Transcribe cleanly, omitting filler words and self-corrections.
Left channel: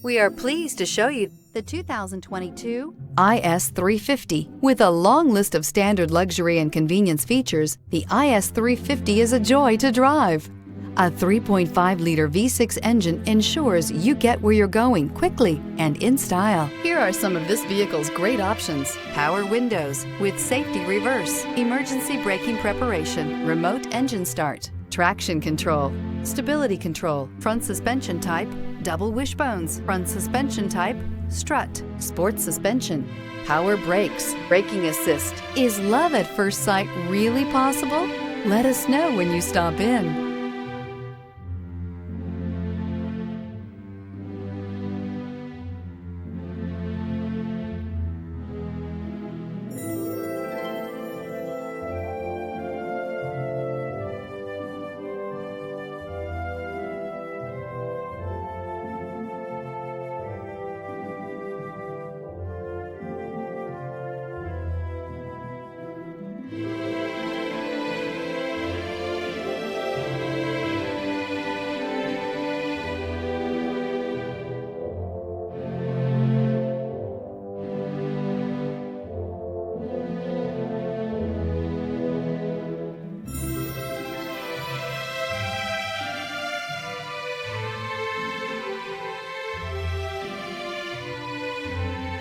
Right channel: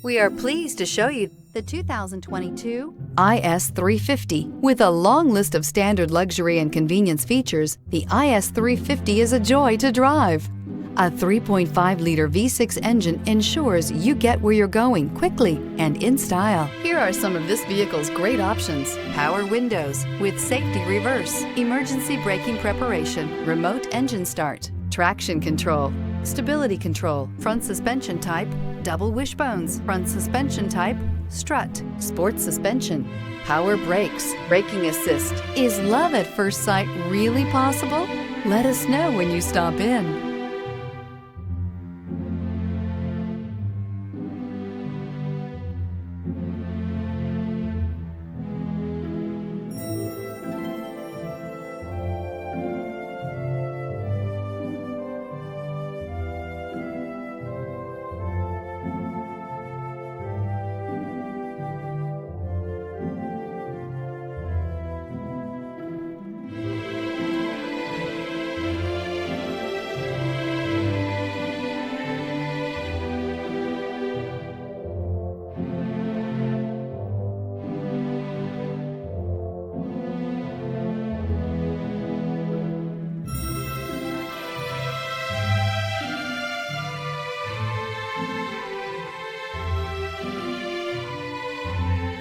We are pleased to show you the 2022 IS350. With a long list of standard luxury and convenience features, the IS350 is a joy to drive. A 3.5-liter V6 engine ensures you get where you're going quickly and in style. Here are some of this vehicle's great options: power windows with safety reverse, emergency braking preparation, remote engine start, traction control, stability control, front suspension type, double wishbones, front suspension type, strut, sport suspension, power brakes, braking assist. Is love at first sight really possible? Let us know when you stop in.